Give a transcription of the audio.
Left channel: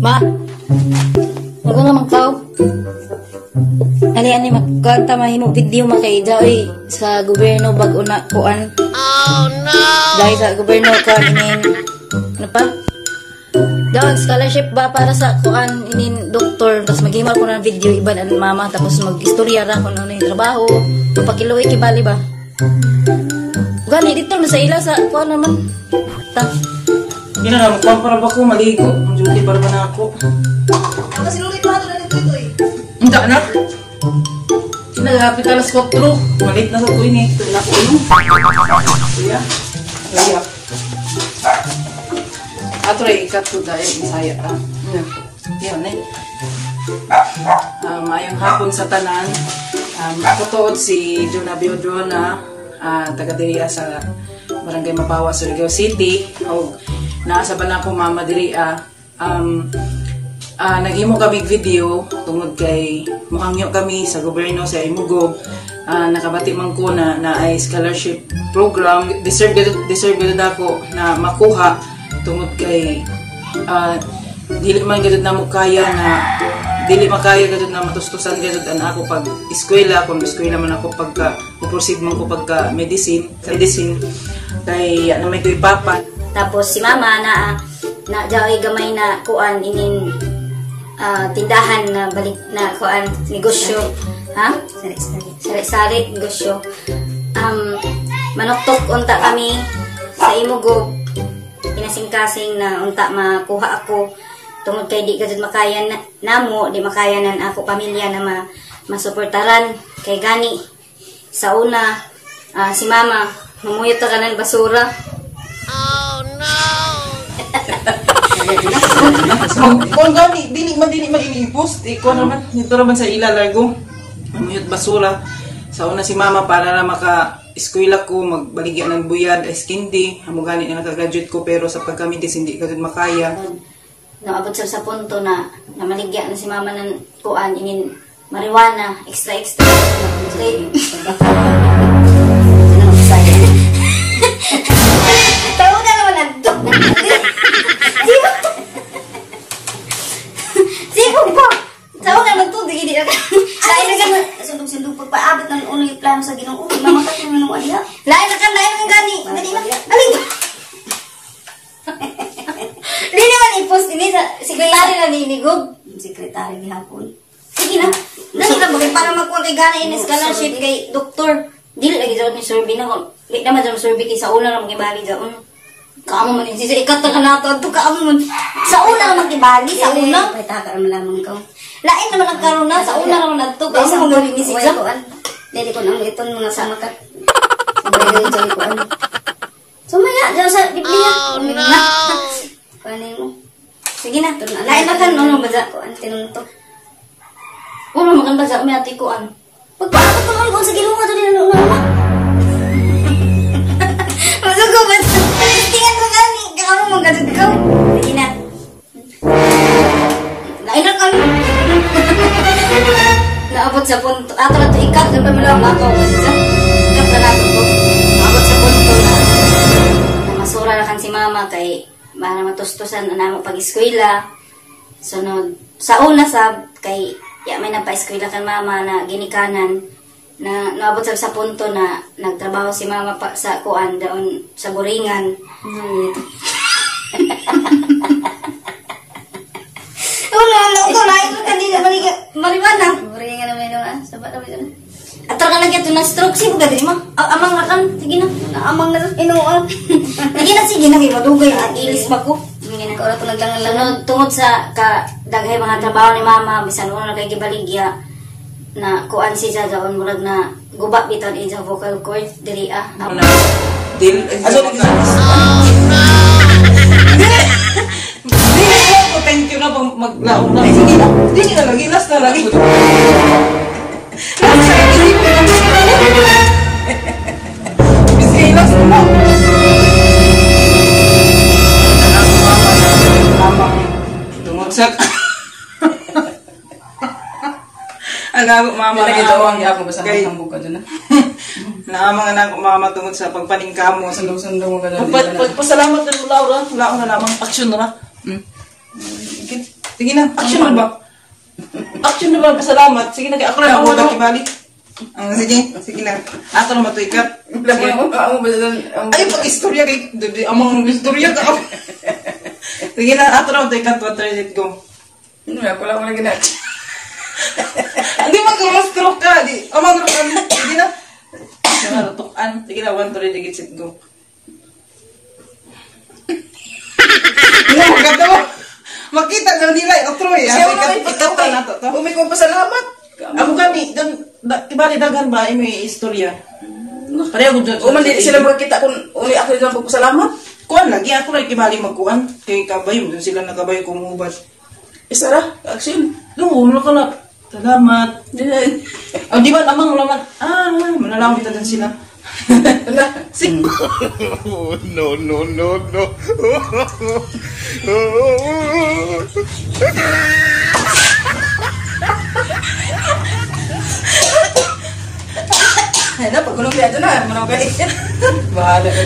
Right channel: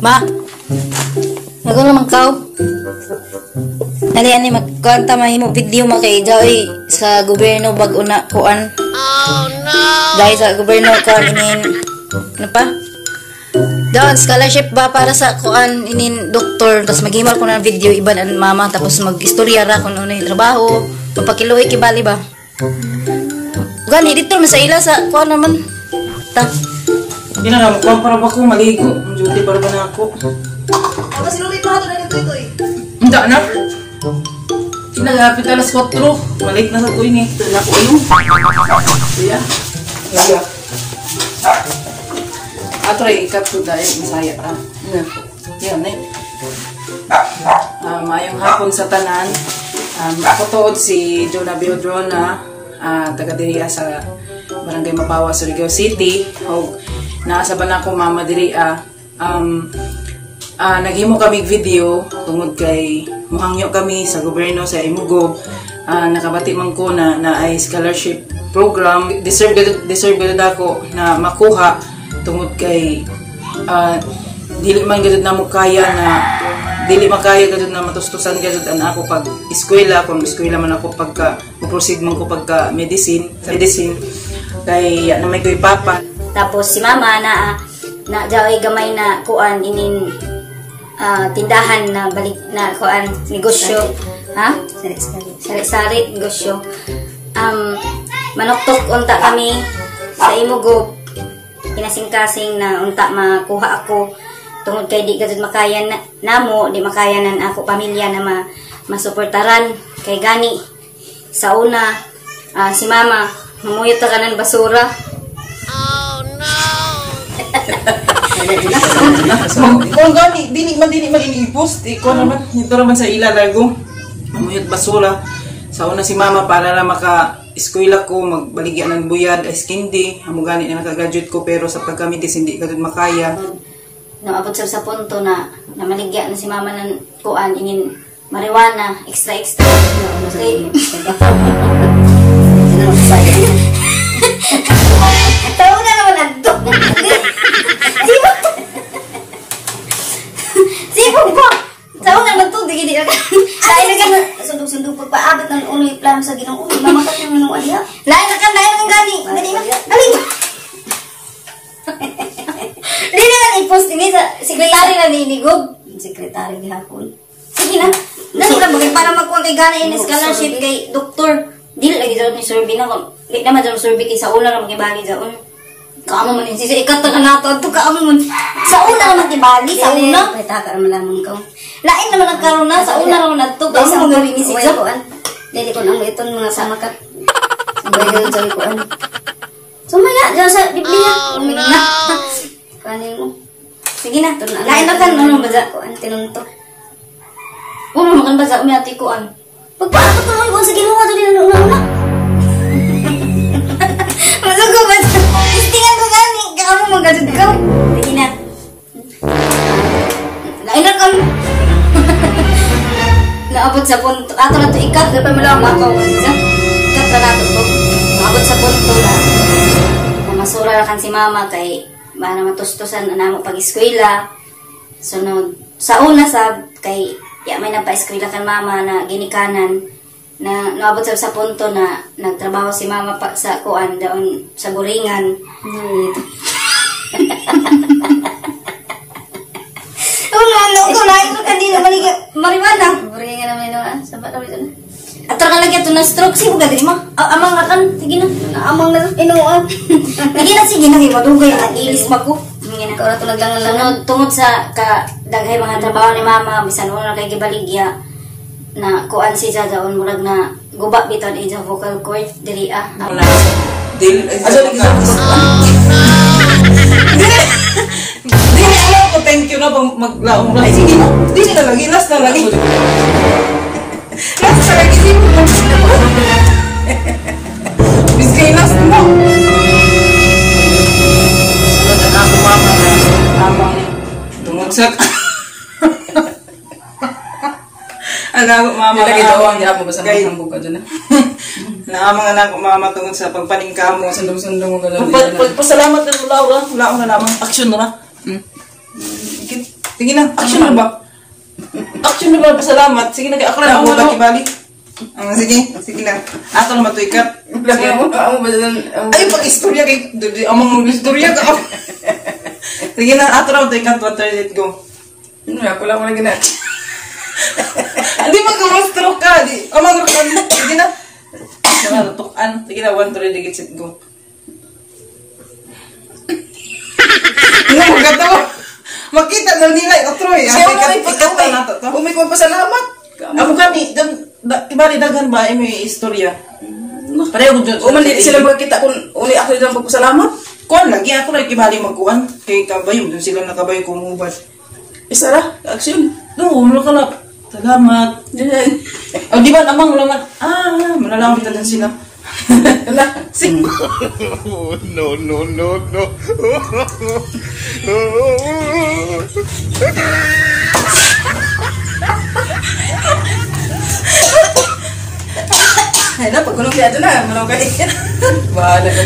Ma, nago naman kao. Ani magkwanta mahimo video makay dai sa gobyerno bag una kuan. Oh no. Dai sa gobyerno ka inin ano pa? Doon scholarship ba para sa kuan inin doktor tapos maghimal ko ng video iban ang mama tapos mag-istorya ra kung ano yung trabaho. Papakiloy kibali ba? Gani dito man sa ila sa kuan naman. Ta. Ina na kuan para ba ko maligo. Ang duty para ba na ako? Kasi nulit mo hato na dito eh. Hindi na. Sinagapit alas 4. Malit na sa tuwing eh. Doon ako yung. Kuya. Kuya. Atray, ikat ko dahil Bisaya. Yan eh. Mayong hapon sa tanan. Nakatuod si Jonah Biodrona. Taga-diriya sa Barangay Mapawa, Surigao City. O nasa ba na ako mama diriya. Naghimo kami video tungod kay muhangyo kami sa gobyerno sa Imugo. Nakabati man ko na ay scholarship program. Deserve gud ako na makuha tungod kay dili man gud na mo kaya na dili makaya gud na matustusan gud an ako pag eskwela kung eskwela man ako pagka proceed man ko pagka medicine kay na may koy papa. Tapos si mama na jaway gamay na kuan inin tindahan na balik na kuan negosyo ha sari negosyo manoktok unta kami sa Imugo kinasing-kasing na unta makuha ako tungod kay di gud makaya namo di makayanan ako pamilya na masuportaran kay gani sa una si mama mamuyot ta kanan basura. Oh no. Kung gani, dili man iniipos. Iko naman, ito naman sa ilalago. Mamuyot basura. Sa una si mama para na maka-eskwela ko, magbaligyan ng buyad, eskindi. Amo gani na nakagraduate ko, pero sa pagkamidis hindi ka dun makaya. Naabot sa punto na maligyan na si mama ng kuan, inin marijuana, extra. Tayo na naman nagto. Sibog po! Tayo na naman ito, digidi na ka. Lain na ka na, sundong-sundong pagpaabot ng uloy plano sa ginong uloy. Mamakat yung minong aliha. Lain na ka gani. Dali na. Di naman i-post ini sa sekretary na niinigog. Sekretary ni hapon. Sige na. Dali na, para magkuha kay gana yung scholarship kay doktor. Di na lagi daw ni survey na. Di naman daw survey kay sa una na magibali daw. Kaamo man si ikat na nato to kaamo man. Sa una naman kibali sa una. Kita ka naman lamang ko. Lain naman ang karon na sa una naman adto kay sa mga ni siya. Dili ko nang iton mga sa makat. Sa ko. Sumaya daw sa Biblia. Oh no. Kani mo. Sige na. Lain na kan ano baza ko an tinunto. Uno man baza mi ati ko an. Pagpasok ko sa Ginoo to din na. Masuk ko ano mo gadid ikaw? Sige na. Lain kan. Naabot sa punto. Ato na ito ikat. Dapat malawang ako. Ikat na nato ko. Naabot sa punto na masura na kan si mama kay para matustusan na mo pag-eskwela. Sunod. Sa una kay may napa-eskwela kan mama na ginikanan na naabot sa punto na nagtrabaho si mama pa sa kuan daon sa buringan. Ko lain ka din mariwana. Buringan naman doon. Sabat na doon. At talaga ito na stroke si buga din ma. Amang kan sige na. Amang na inuan. Sige na madugay ilis pa ko. Sige na. Ora to naglangan tungod sa daghay mga trabaho ni mama bisan wala kay gibaligya na kuan si daon murag na guba biton sa vocal cord diri Dil thank you na bang maglaong lang. Sige na. Dili na lagi. Last na lagi. Last na lagi. Biskay last na. Tungod sa agago mama na amang ya mo basta hambog ka dun. Na amang anak ko mama tungod sa pagpaningkam mo sundong-sundong mo ganun. Pagpasalamat din Laura, wala ko na lamang aksyon na. Sige na, action na ba? Action na ba? Pasalamat. Sige na, kaya ako na ako nakibali. Sige na. Ato na matuikat. Ay, pag-istorya kay... Amang istorya ka. Sige na, ato na matuikat. 1, 3, go. Ako lang mo na gina. Hindi mag-mastro ka. Amang ka. Sige na. Sige na, tutukan. Sige na, 1, 3, go. Hindi mo katawa. Makita daw nila. Otroy. Siya mo na Ikaw ka na to. Umikong pasalamat. Ako gani, ibali dagan ba may istorya? Pareho ko dyan. Umali sila makakita kung uli ako lang pagpasalamat. Kon lagi ako rin ibali magkuhan. Kay kabayo, dun sila nakabayo kong mubad. Isa ra, action. No, ulo ka na. Salamat. Ganyan. O di ba, amang laman. Malalawit na din sila. Sige. No, no, no, no. Ay, na, pag-ulong kaya ito na, marunong ka ikat. Bahala ka.